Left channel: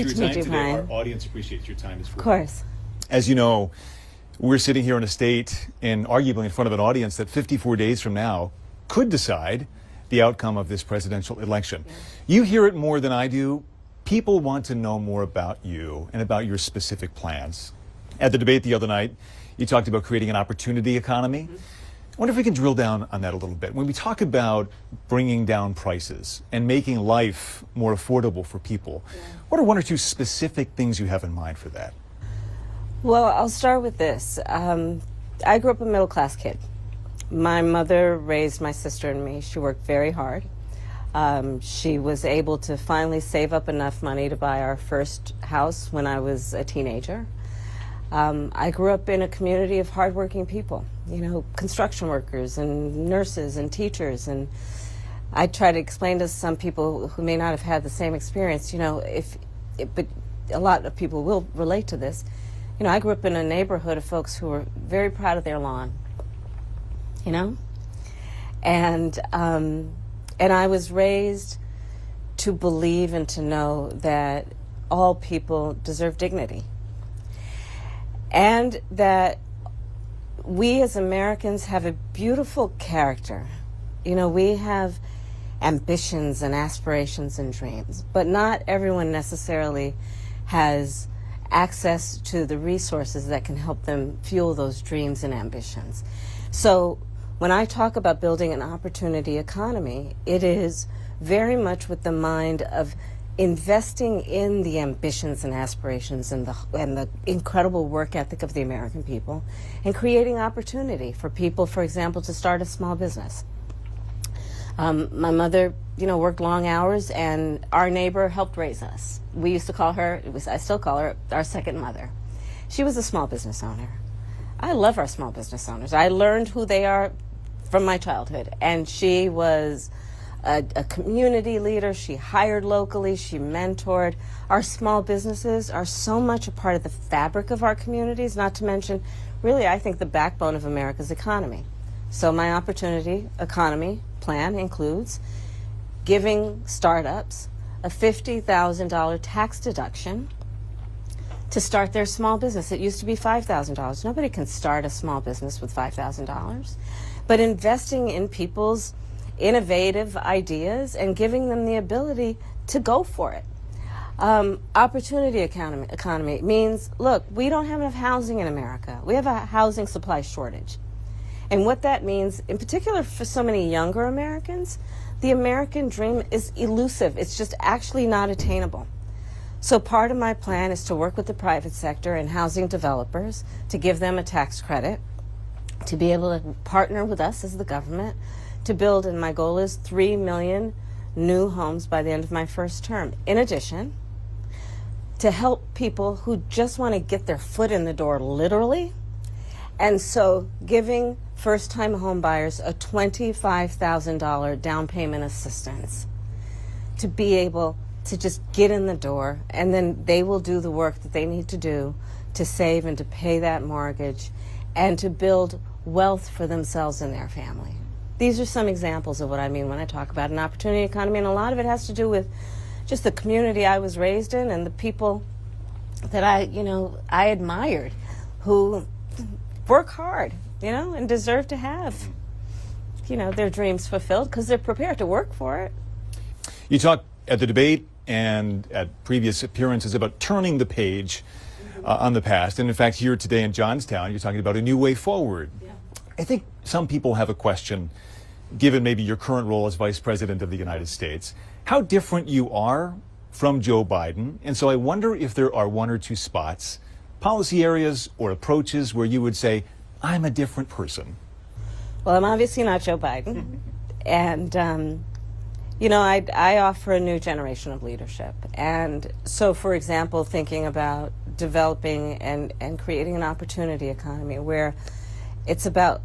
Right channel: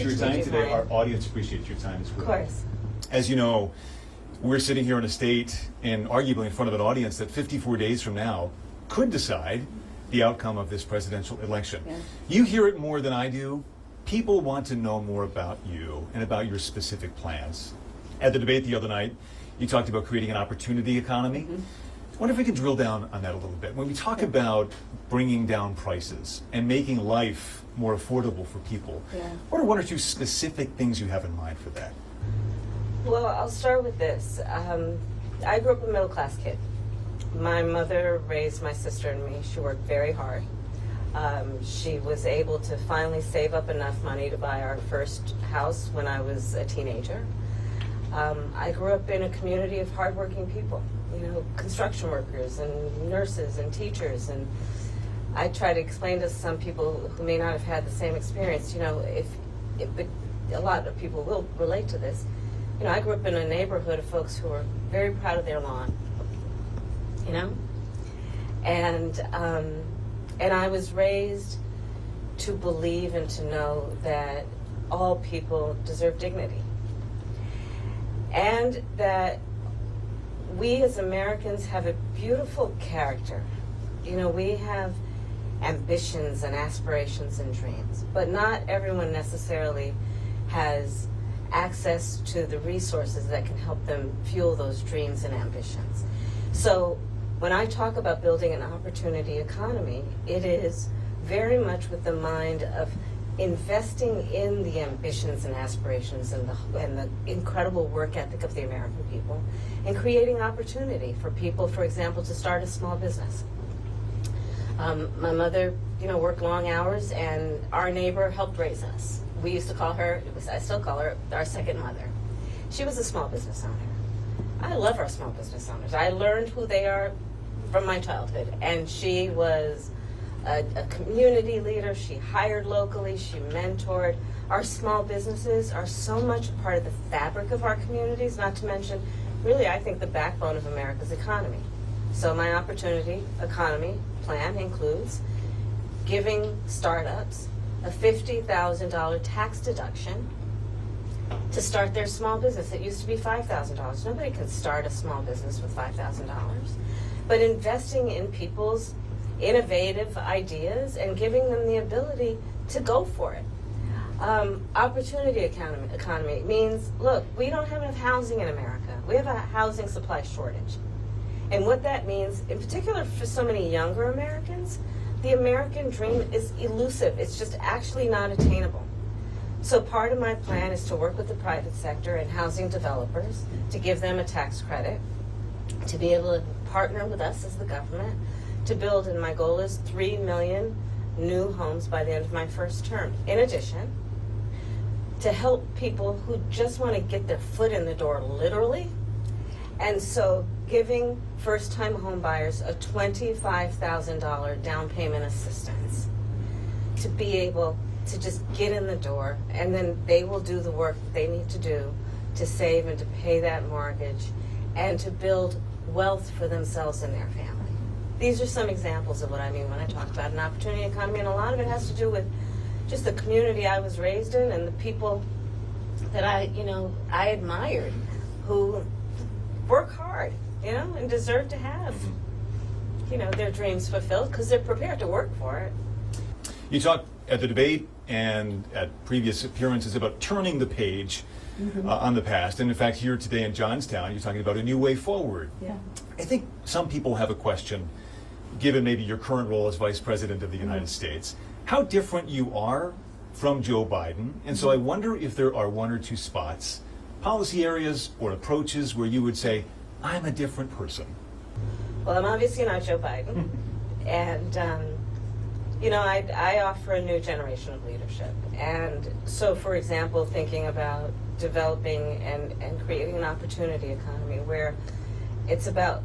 appreciate your time today. Our audience appreciates your time as well. Of course. As you know, we're sitting here in a state and arguably in front of an audience that 54 days from now could decide the outcome of this presidential election. Yeah. You hear it more than I do. People want to know more about you and about your specific plans. At the debate the other night, you talked about creating an opportunity economy. I wonder if we can drill down on that a little bit. When we talk about bringing down prices and making life more affordable for people, what are one or two specific things you have in mind for that? Well, I'll start with this. I grew up a middle-class kid. My mother raised my sister and me. She worked very hard. She was able to finally save up enough money to buy our first house when I was a teenager. I grew up in a community of hardworking people, you know, construction workers and nurses and teachers. And I try to explain to some people who may not have had the same experience, you know, but a lot of people will relate to this. You know, I grew up in a neighborhood of folks who were very proud of their lawn, you know? And I was raised to believe and to know that all people deserve dignity. And that we as Americans have a beautiful character. You know, we have ambitions and aspirations and dreams, but not everyone necessarily has access to the resources that can help them fuel those dreams and ambitions. So when I talk about building an opportunity economy, it is very much with the mind of investing in the ambitions and aspirations and the incredible work ethic of the American people, and creating opportunity for people, for example, to start a small business. My mother, you know, worked long hours, and our neighbor helped raise us. We used to call her, I still call her, our second mother. She was a small business owner. I love our small business owners. I learned who they are from my childhood, and she was a community leader. She hired locally, she mentored. Our small businesses are so much a part of the fabric of our communities, not to mention, really, I think, the backbone of America's economy. So my opportunity economy plan includes giving startups a $50,000 tax deduction to start their small business. It used to be $5,000. Nobody can start a small business with $5,000. But investing in people's innovative ideas and giving them the ability to go for it. Opportunity economy means, look, we don't have enough housing in America. We have a housing supply shortage. And what that means, in particular for so many younger Americans, the American dream is elusive. It's just actually not attainable. So part of my plan is to work with the private sector and housing developers to give them a tax credit, to be able to partner with us as the government, to build, and my goal is 3 million new homes by the end of my first term. In addition, to help people who just want to get their foot in the door, literally. And so giving first-time home buyers a $25,000 down payment assistance to be able to just get in the door, and then they will do the work that they need to do to save and to pay that mortgage and to build wealth for themselves and their family. These are some examples of what I mean when I talk about an opportunity economy, and a lot of it has to do with just the community I was raised in and the people that I admired, who work hard, and deserve to have, their dreams fulfilled because they're prepared to work for it. You talked at the debate and at previous appearances about turning the page on the past, and in fact here today in Johnstown you're talking about a new way forward. Yeah. I think some people have a question, given maybe your current role as Vice President of the United States, how different you are from Joe Biden, and so I wonder if there are one or two spots, policy areas or approaches where you would say, I'm a different person. Well, I'm obviously not Joe Biden, and I offer a new generation of leadership. And so, for example, thinking about developing and creating an opportunity economy where it's about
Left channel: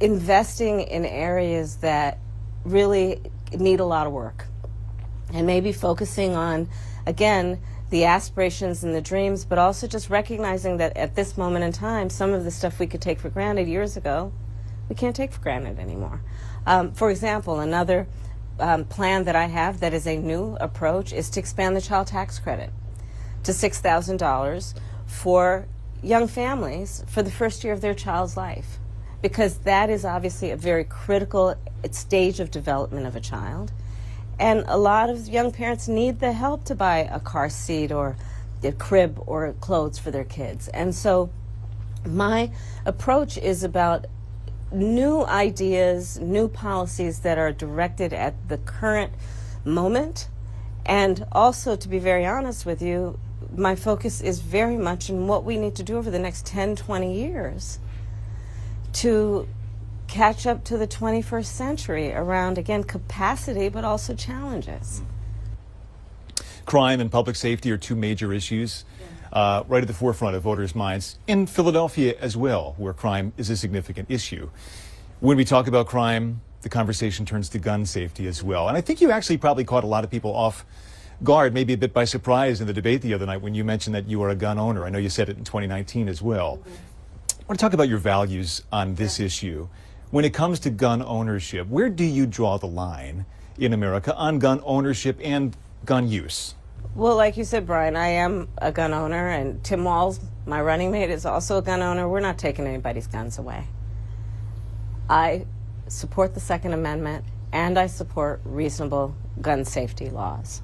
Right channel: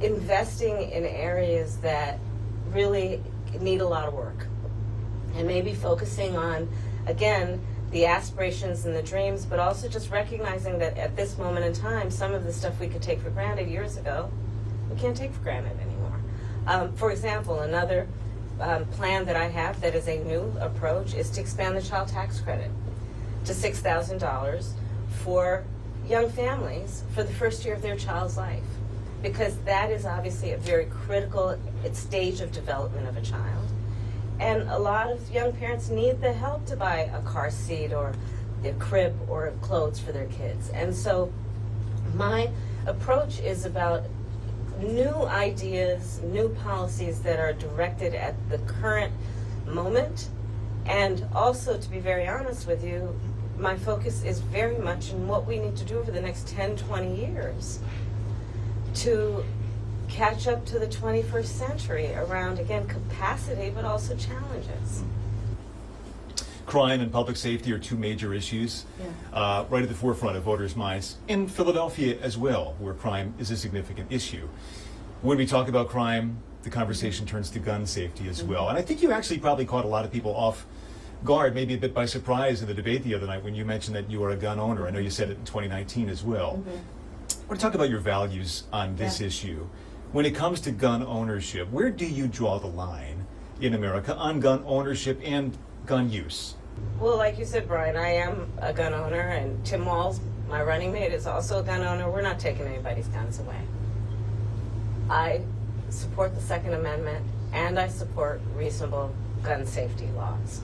investing in areas that really need a lot of work, and maybe focusing on, again, the aspirations and the dreams, but also just recognizing that at this moment in time, some of the stuff we could take for granted years ago, we can't take for granted anymore. For example, another plan that I have that is a new approach is to expand the child tax credit to $6,000 for young families for the first year of their child's life, because that is obviously a very critical stage of development of a child. And a lot of young parents need the help to buy a car seat or a crib or clothes for their kids. And so my approach is about new ideas, new policies that are directed at the current moment. And also, to be very honest with you, my focus is very much in what we need to do over the next 10, 20 years to catch up to the 21st century around, again, capacity, but also challenges. Crime and public safety are two major issues right at the forefront of voters' minds, in Philadelphia as well, where crime is a significant issue. When we talk about crime, the conversation turns to gun safety as well. And I think you actually probably caught a lot of people off guard, maybe a bit by surprise in the debate the other night when you mentioned that you are a gun owner. I know you said it in 2019 as well. I want to talk about your values on this issue. When it comes to gun ownership, where do you draw the line in America on gun ownership and gun use? Well, like you said, Brian, I am a gun owner, and Tim Walz, my running mate, is also a gun owner. We're not taking anybody's guns away. I support the Second Amendment, and I support reasonable gun safety laws.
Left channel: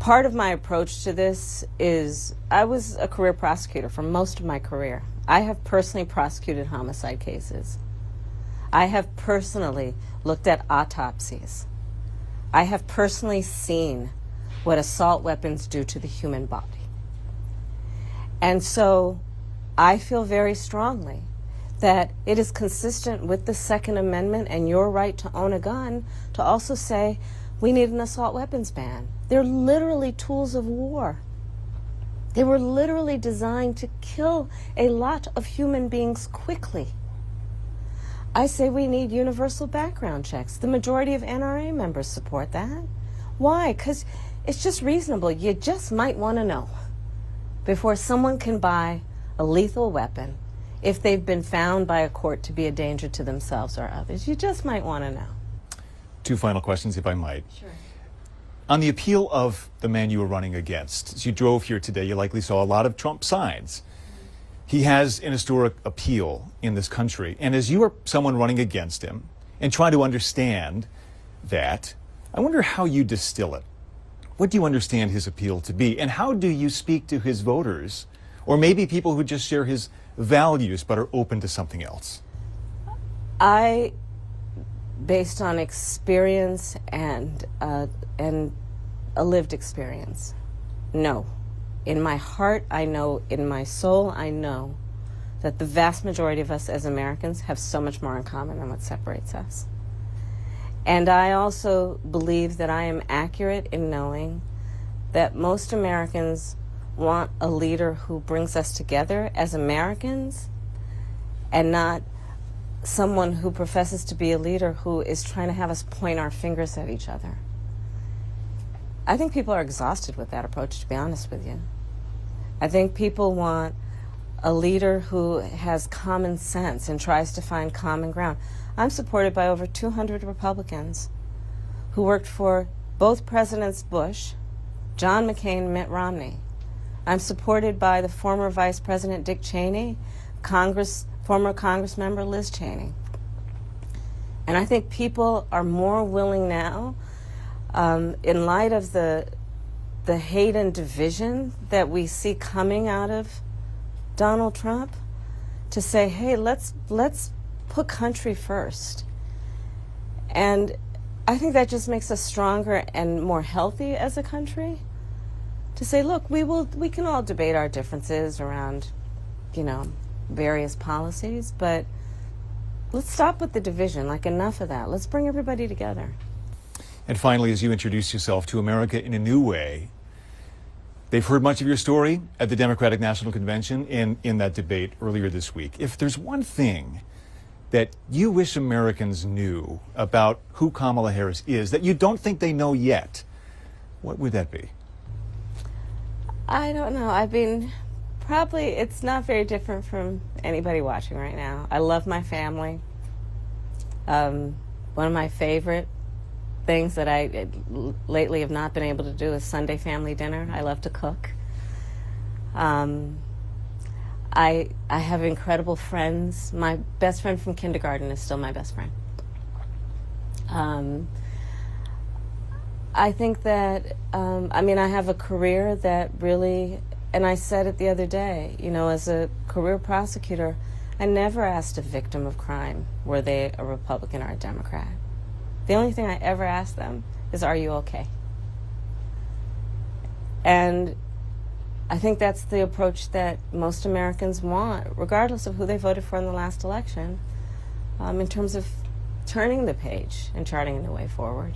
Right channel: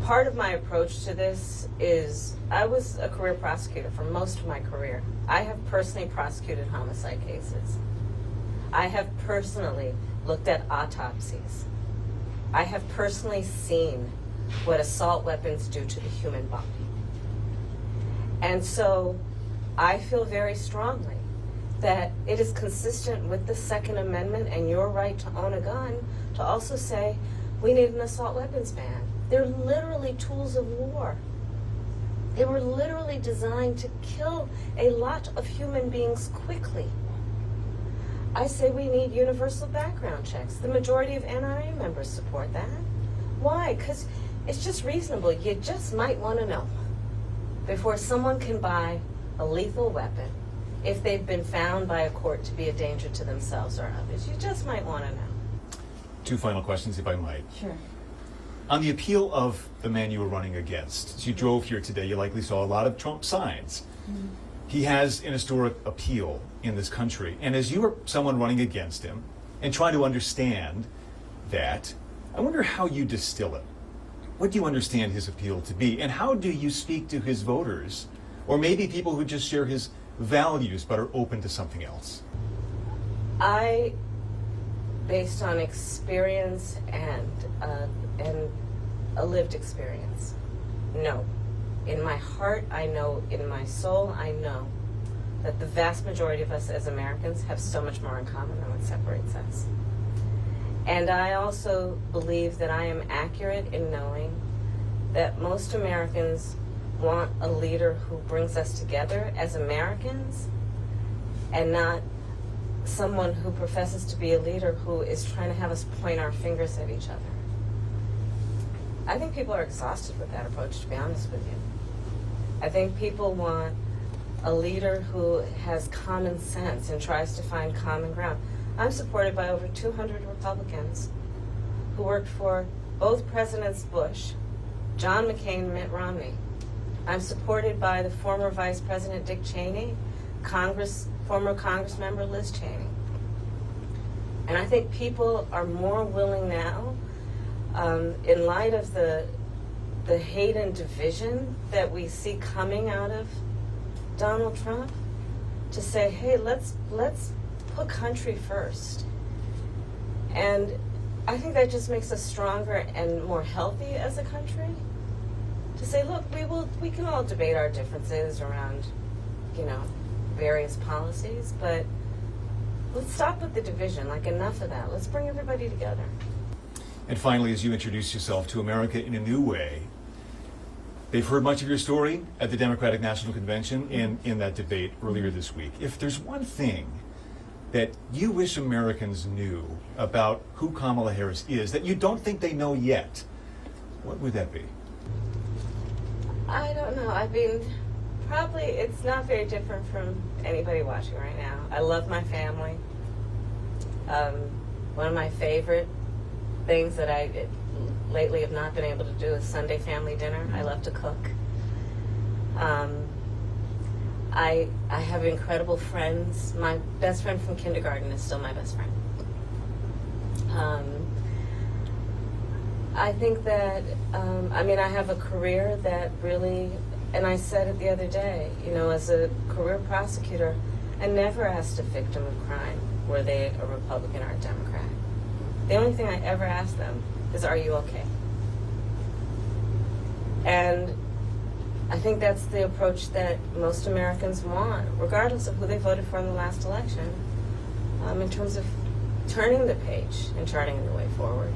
Part of my approach to this is I was a career prosecutor for most of my career. I have personally prosecuted homicide cases. I have personally looked at autopsies. I have personally seen what assault weapons do to the human body. And so I feel very strongly that it is consistent with the Second Amendment and your right to own a gun to also say we need an assault weapons ban. They're literally tools of war. They were literally designed to kill a lot of human beings quickly. I say we need universal background checks. The majority of NRA members support that. Why? Because it's just reasonable. You just might want to know before someone can buy a lethal weapon if they've been found by a court to be a danger to themselves or others. You just might want to know. Two final questions, if I might. Sure. On the appeal of the man you were running against, as you drove here today, you likely saw a lot of Trump signs. Mm-hmm. He has an historic appeal in this country. And as you are someone running against him and trying to understand that, I wonder how you distill it. What do you understand his appeal to be? And how do you speak to his voters, or maybe people who just share his values but are open to something else? I, based on experience and a lived experience, no. In my heart, I know, in my soul, I know that the vast majority of us as Americans have so much more in common than what separates us. And I also believe that I am accurate in knowing that most Americans want a leader who brings us together as Americans and not someone who professes to be a leader who is trying to have us point our fingers at each other. I think people are exhausted with that approach, to be honest with you. I think people want a leader who has common sense and tries to find common ground. I'm supported by over 200 Republicans who worked for both Presidents Bush, John McCain, and Mitt Romney. I'm supported by the former Vice President Dick Cheney, former Congress member Liz Cheney. And I think people are more willing now, in light of the hate and division that we see coming out of Donald Trump, to say, hey, let's put country first. And I think that just makes us stronger and more healthy as a country. To say, look, we can all debate our differences around, various policies, but let's stop with the division. Like, enough of that. Let's bring everybody together. And finally, as you introduce yourself to America in a new way, they've heard much of your story at the Democratic National Convention and in that debate earlier this week. If there's one thing that you wish Americans knew about who Kamala Harris is that you don't think they know yet, what would that be? I don't know. I mean, probably it's not very different from anybody watching right now. I love my family. One of my favorite things that I lately have not been able to do is Sunday family dinner. I love to cook. I have incredible friends. My best friend from kindergarten is still my best friend. I think that, I have a career that really, and I said it the other day, as a career prosecutor, I never asked a victim of crime, were they a Republican or a Democrat. The only thing I ever asked them is, are you okay? And I think that's the approach that most Americans want, regardless of who they voted for in the last election, in terms of turning the page and charting the way forward.